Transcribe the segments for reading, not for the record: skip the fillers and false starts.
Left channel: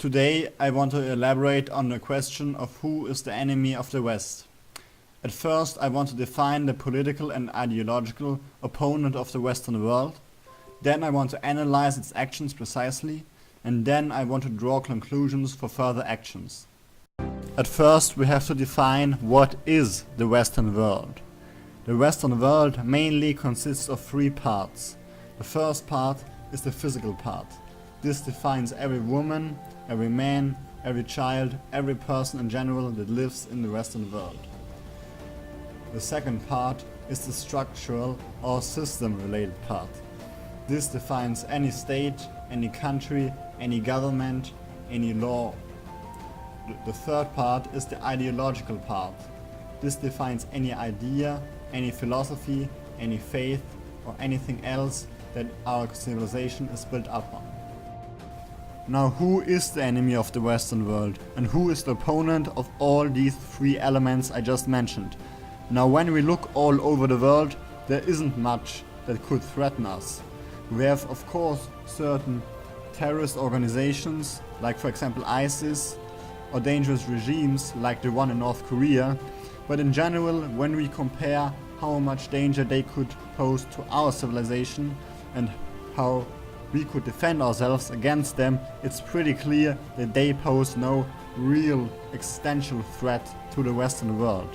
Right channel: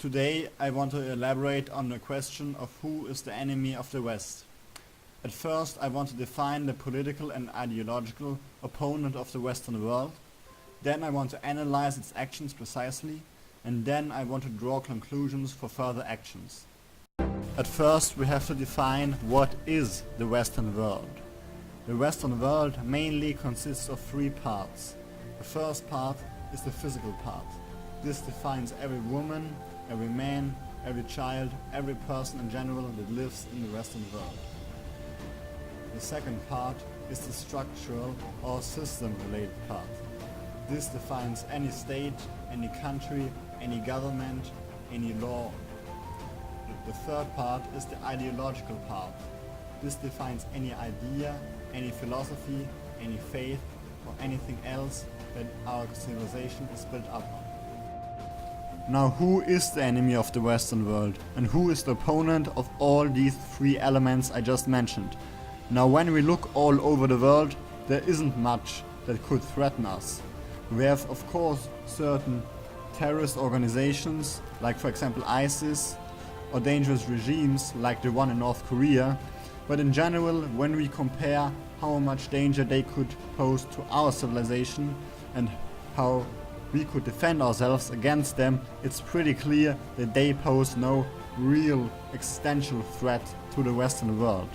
Today I want to elaborate on the question of who is the enemy of the West. At first I want to define the political and ideological opponent of the Western world. Then I want to analyze its actions precisely, and then I want to draw conclusions for further actions. At first we have to define what is the Western world. The Western world mainly consists of three parts. The first part is the physical part. This defines every woman, every man, every child, every person in general that lives in the Western world. The second part is the structural or system-related part. This defines any state, any country, any government, any law. The third part is the ideological part. This defines any idea, any philosophy, any faith, or anything else that our civilization is built up on. Now, who is the enemy of the Western world, and who is the opponent of all these three elements I just mentioned? Now, when we look all over the world, there isn't much that could threaten us. We have, of course, certain terrorist organizations, like for example ISIS, or dangerous regimes like the one in North Korea, but in general, when we compare how much danger they could pose to our civilization and how we could defend ourselves against them, it's pretty clear that they pose no real existential threat to the Western world.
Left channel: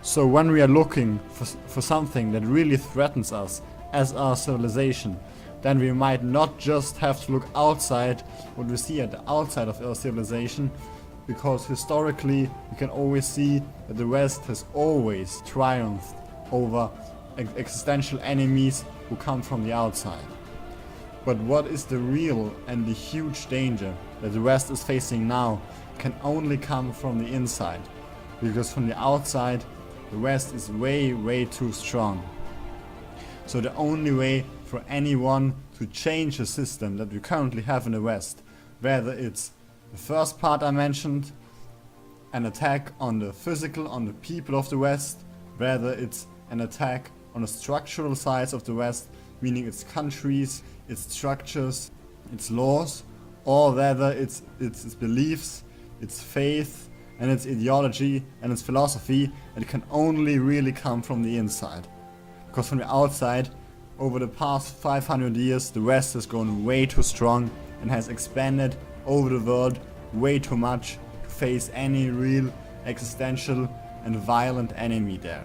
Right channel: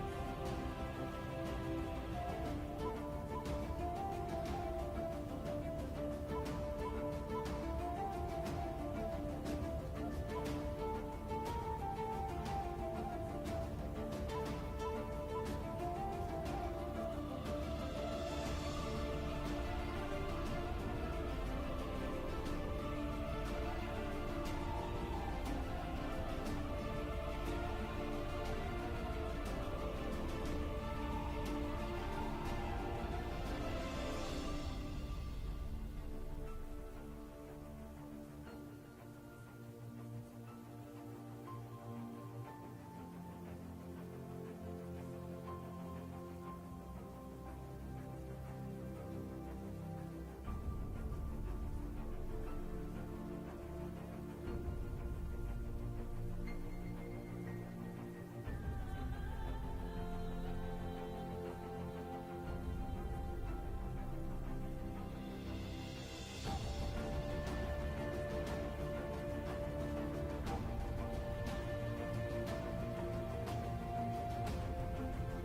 So when we are looking for something that really threatens us as our civilization, then we might not just have to look outside what we see at the outside of our civilization, because historically we can always see that the West has always triumphed over existential enemies who come from the outside. But what is the real and the huge danger that the West is facing now can only come from the inside, because from the outside the West is way too strong. So the only way for anyone to change the system that we currently have in the West, whether it's the first part I mentioned, an attack on the physical, on the people of the West, whether it's an attack on the structural sides of the West, meaning its countries, its structures, its laws, or whether it's its beliefs, its faith, and its ideology and its philosophy, it can only really come from the inside. Because from the outside, over the past 500 years, the West has grown way too strong and has expanded over the world way too much to face any real existential and violent enemy there.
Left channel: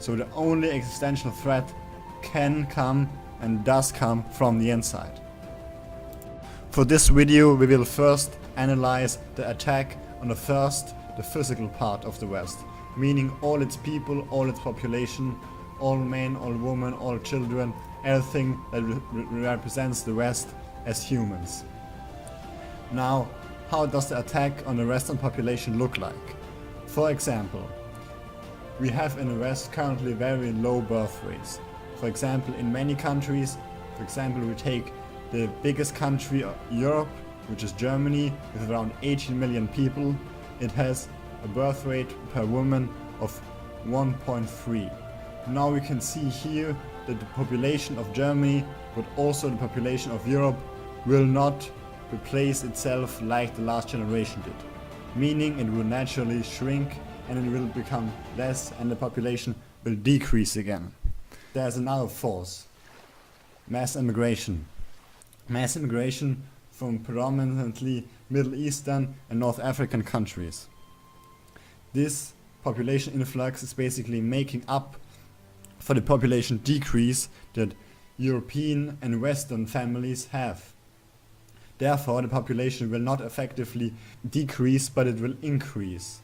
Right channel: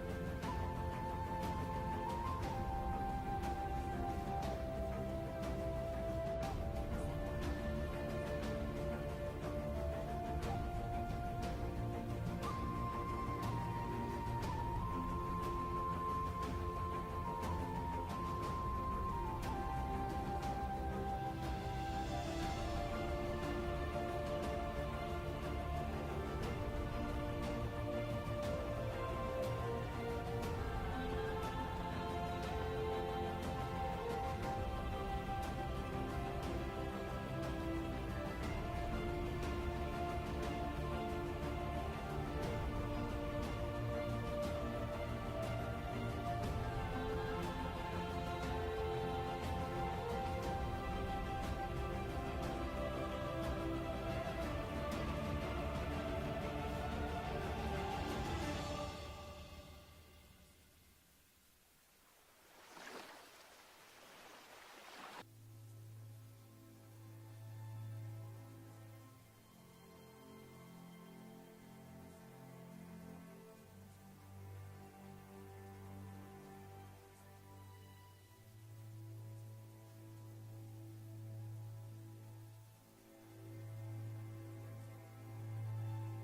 So the only existential threat can come and does come from the inside. For this video we will first analyze the attack on the physical part of the West, meaning all its people, all its population, all men, all women, all children, everything that represents the West as humans. Now, how does the attack on the Western population look like? For example, we have in the West currently very low birth rates. For example, in many countries, for example, we take the biggest country of Europe, which is Germany, with around 18 million people. It has a birth rate per woman of 1.3. Now we can see here that the population of Germany, but also the population of Europe, will not replace itself like the last generation did. Meaning it will naturally shrink and it will become less and the population will decrease again. There's another force: mass immigration. Mass immigration from predominantly Middle Eastern and North African countries. This population influx is basically making up for the population decrease that European and Western families have. Therefore, the population will not effectively decrease, but it will increase.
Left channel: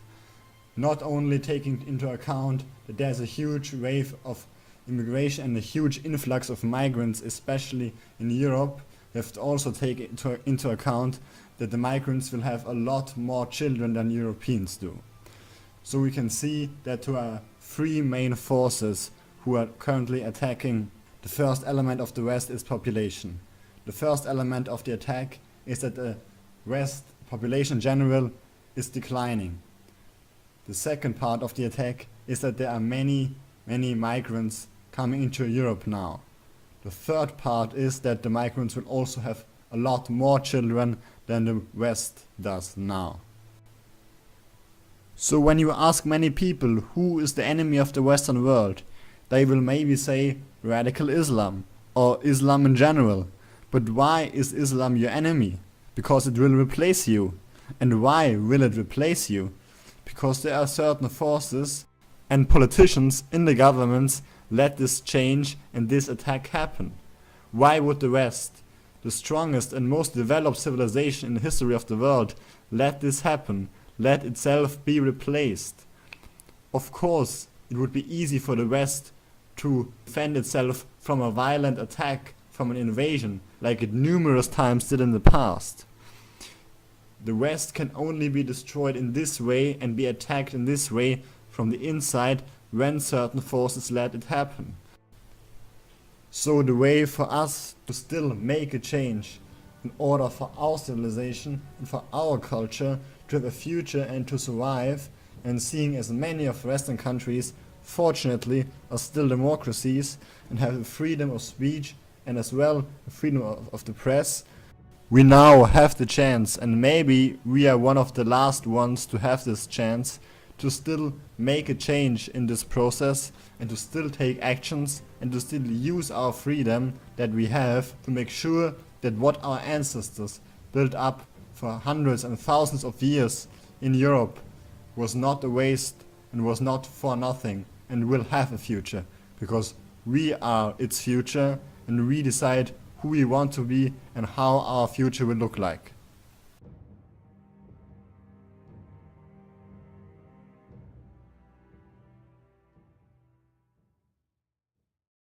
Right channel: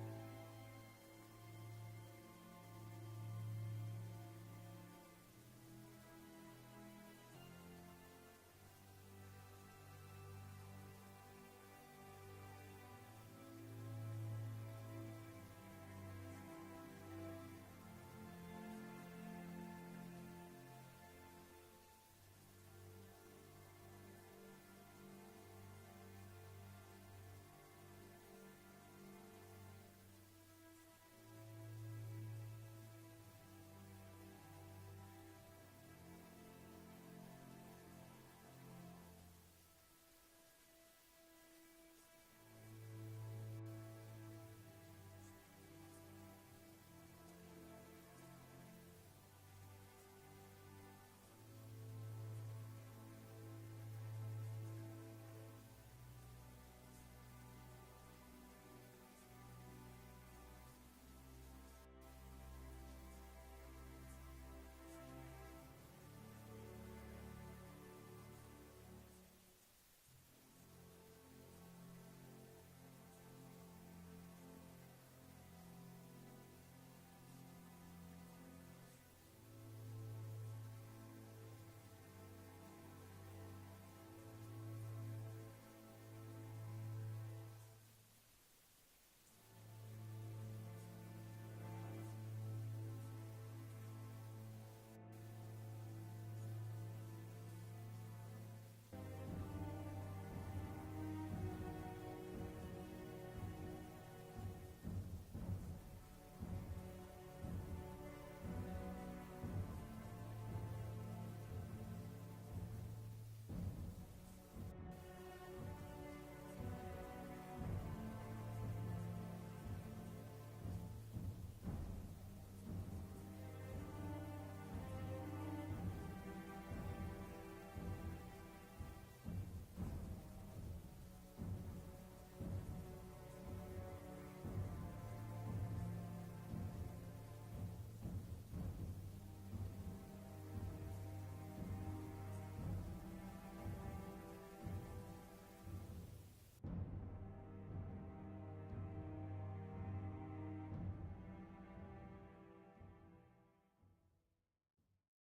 Not only taking into account that there's a huge wave of immigration and a huge influx of migrants, especially in Europe, we have to also take into account that the migrants will have a lot more children than Europeans do. So we can see that there are three main forces who are currently attacking. The first element of the West is population. The first element of the attack is that the West population in general is declining. The second part of the attack is that there are many migrants coming into Europe now. The third part is that the migrants will also have a lot more children than the West does now. So when you ask many people who is the enemy of the Western world, they will maybe say radical Islam or Islam in general. But why is Islam your enemy? Because it will replace you. And why will it replace you? Because there are certain forces and politicians in the governments let this change and this attack happen. Why would the West, the strongest and most developed civilization in the history of the world, let this happen, let itself be replaced? Of course, it would be easy for the West to defend itself from a violent attack, from an invasion, like it numerous times did in the past. The West can only be destroyed in this way and be attacked in this way from the inside when certain forces let it happen. So the way for us to still make a change in order for our civilization and for our culture to have a future and to survive, and seeing as many of Western countries fortunately are still democracies and have the freedom of speech and as well the freedom of the press, we now have the chance, and maybe we are one of the last ones to have this chance, to still make a change in this process and to still take actions and to still use our freedom that we have to make sure that what our ancestors built up for hundreds and thousands of years in Europe was not a waste and was not for nothing and will have a future, because we are its future and we decide who we want to be and how our future will look like.